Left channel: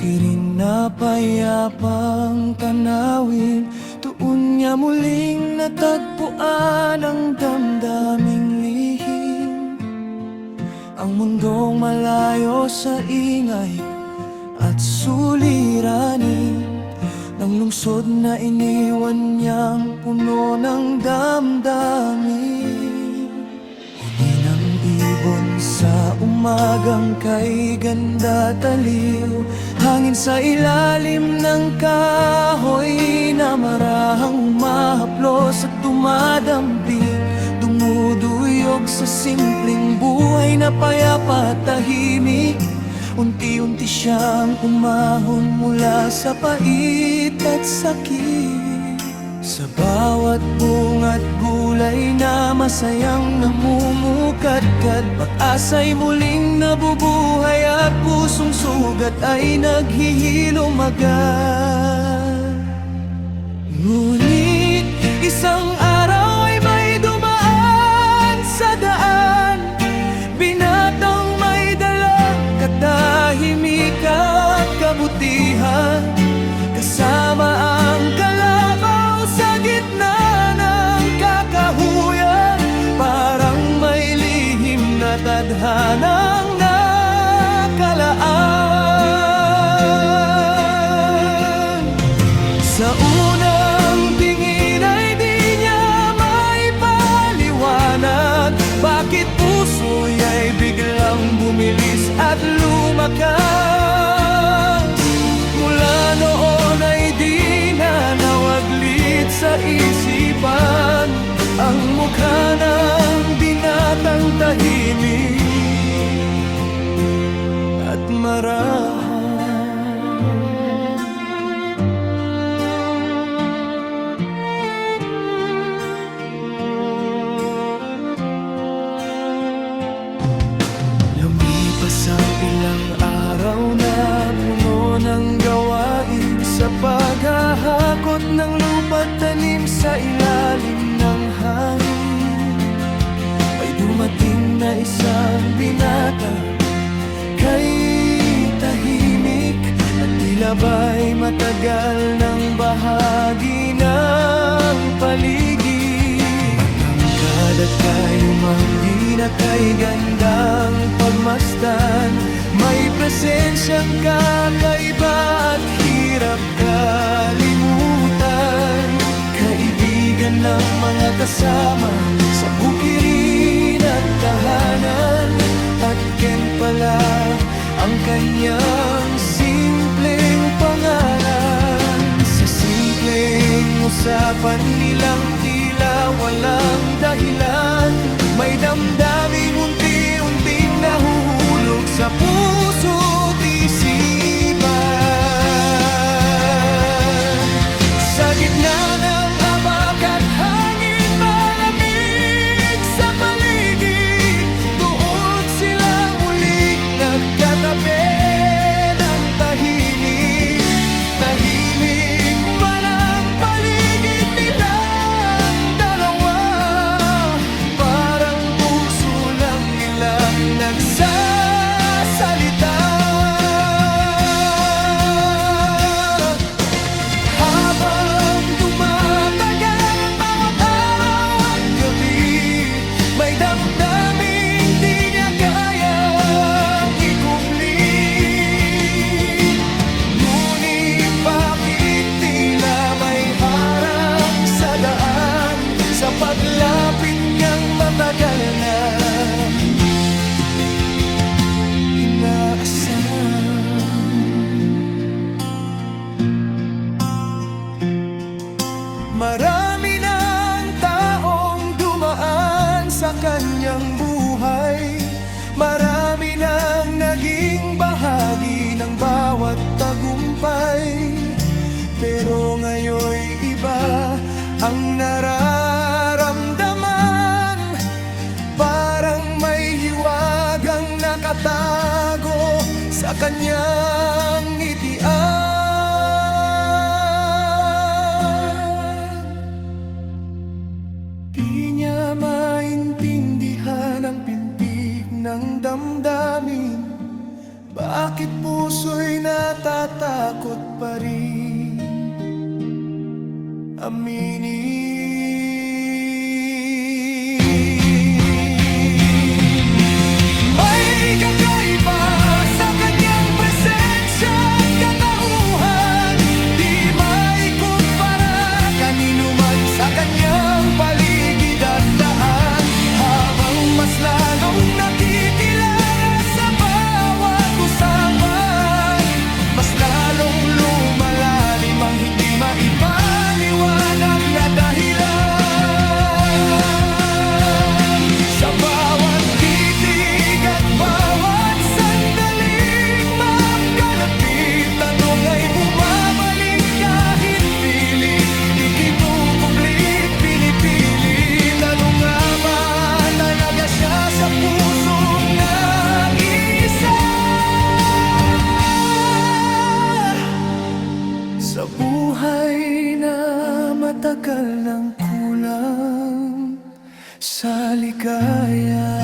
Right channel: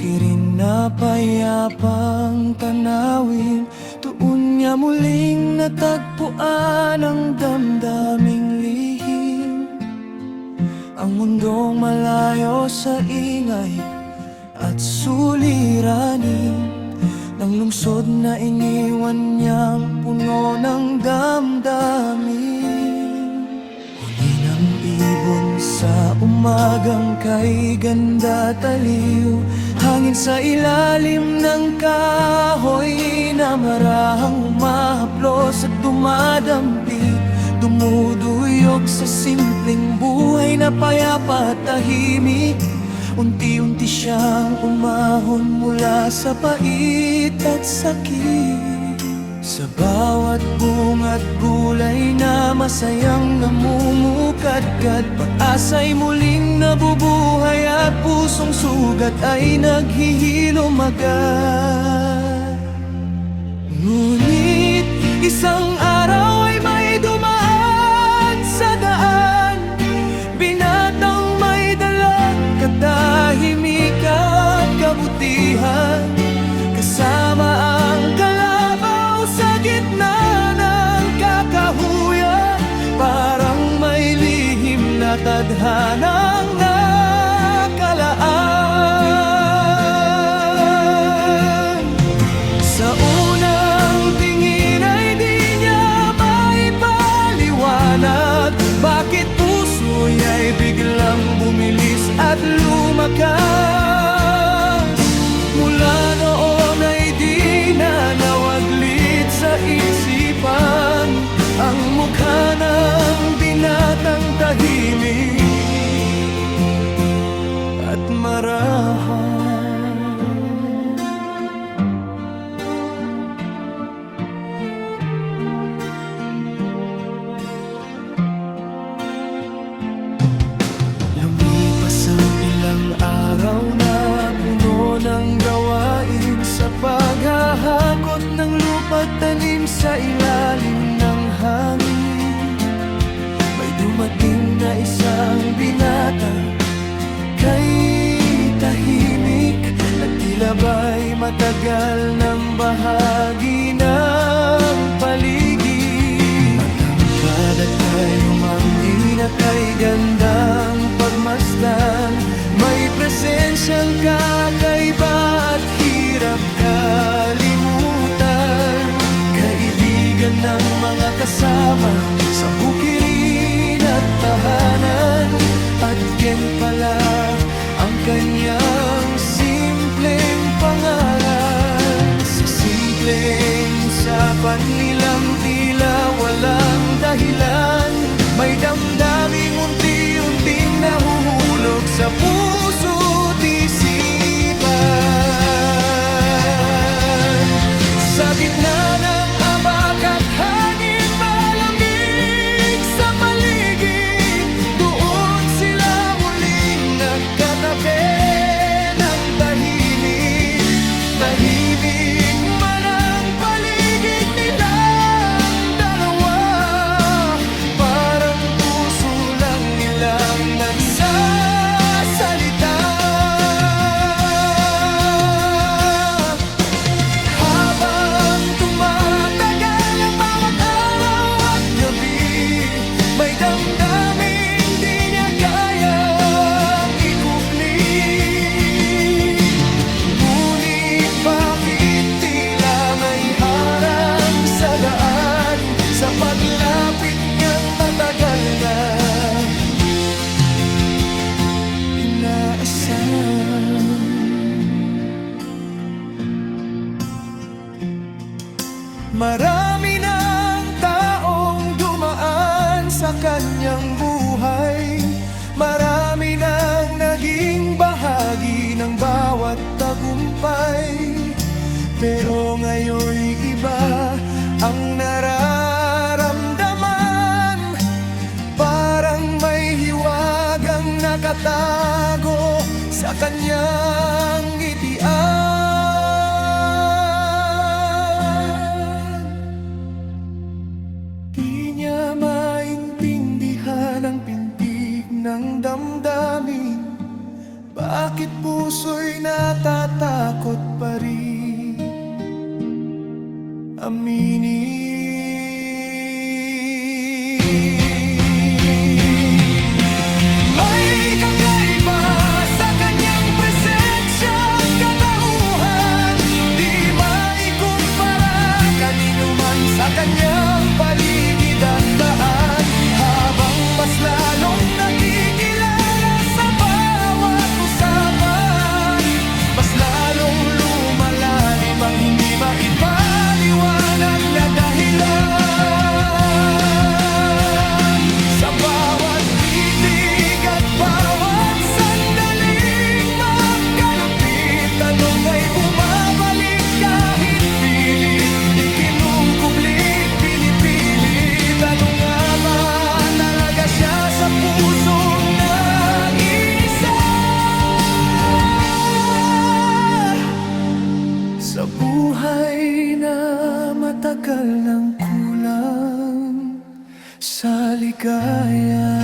bukirin na payapang tanawin, doon niya muling natagpuan ang damdaming lihim. Ang mundong malayo sa ingay at suliranin ng lungsod na iniwan niyang puno ng damdamin. Huni ng ibon sa umagang kay ganda taliw, hangin sa ilalim ng kahoy na marahang umahaplos at dumadampig, dumuduyog sa simpleng buhay na payapa at tahimik. Unti-unti siyang umahon mula sa pait at sakit. Sa bawat bunga't gulay na masayang namumukadkad, pag-asa'y muling nabubuhay at pusong sugat ay naghihilom agad. Ngunit isang araw ay may dumaan sa daan, binatang may dalang katahimik at kabutihan, kasama ang kalabaw sa gitna ng kakahuyan. Parang may lihim na tadhanang nakalaan. Sa unang tingin ay di niya maipaliwanag bakit puso'y ay biglang bumilis at lumakas. Mula noon ay di na nawaglit sa isipan ang mukha ng binatang tahimik at marahan. Lumipas ang ilang araw na puno ng gawain sa paghahakot ng lupa't tanim sa ilalim ng hangin. May dumating na isang binatang kay tahimik na tila ba'y matagal ng bahagi ng paligid. Matangkad at kayumanggi na kay gandang pagmasdan, may presensyang kakaiba at hirap kalimutan. Kaibigan ng mga kasama sa bukirin at tahanan, at Ken pala ang kanyang simpleng pangalan. Sa simpleng usapan nilang tila walang dahilan, may damdaming unti-unting nahuhulog sa puso't isipan. Sa gitna ng abak at hangin malamig sa paligid, doon sila muling nagkatabi ng tahimik. Tahimik man ang paligid nilang dalawa, parang puso lang nilang nagsasalita. Habang tumatagal ang bawat araw at gabi, may damdaming di niya kayang ikubli. Ngunit bakit tila may harang sa daan sa paglapit niyang matagal nang inaasahan? Marami ng taong dumaan sa kanyang buhay, marami nang naging bahagi ng bawat tagumpay. Pero ngayon'y iba ang nararamdaman, parang may hiwagang nakatago sa kanyang ngitian. Di niya maintindihan ang pintig ng damdamin, Bakit puso'y natatakot pa rin aminin? May kakaiba sa kanyang presensya at katauhan, di maikumpara kanino man sa kanyang paligid at daan. Habang mas lalong nakikilala sa bawat usapan, mas lalong lumalalim ang hindi maipaliwanag na dahilan. Sa bawat titig at bawat sandaling makalapit, tanong ay bumabalik kahit pilit. Ikinukublit, pinipilit, ano nga ba talaga siya sa pusong nag-iisa? Sa buhay na matagal ng kulang sa ligaya,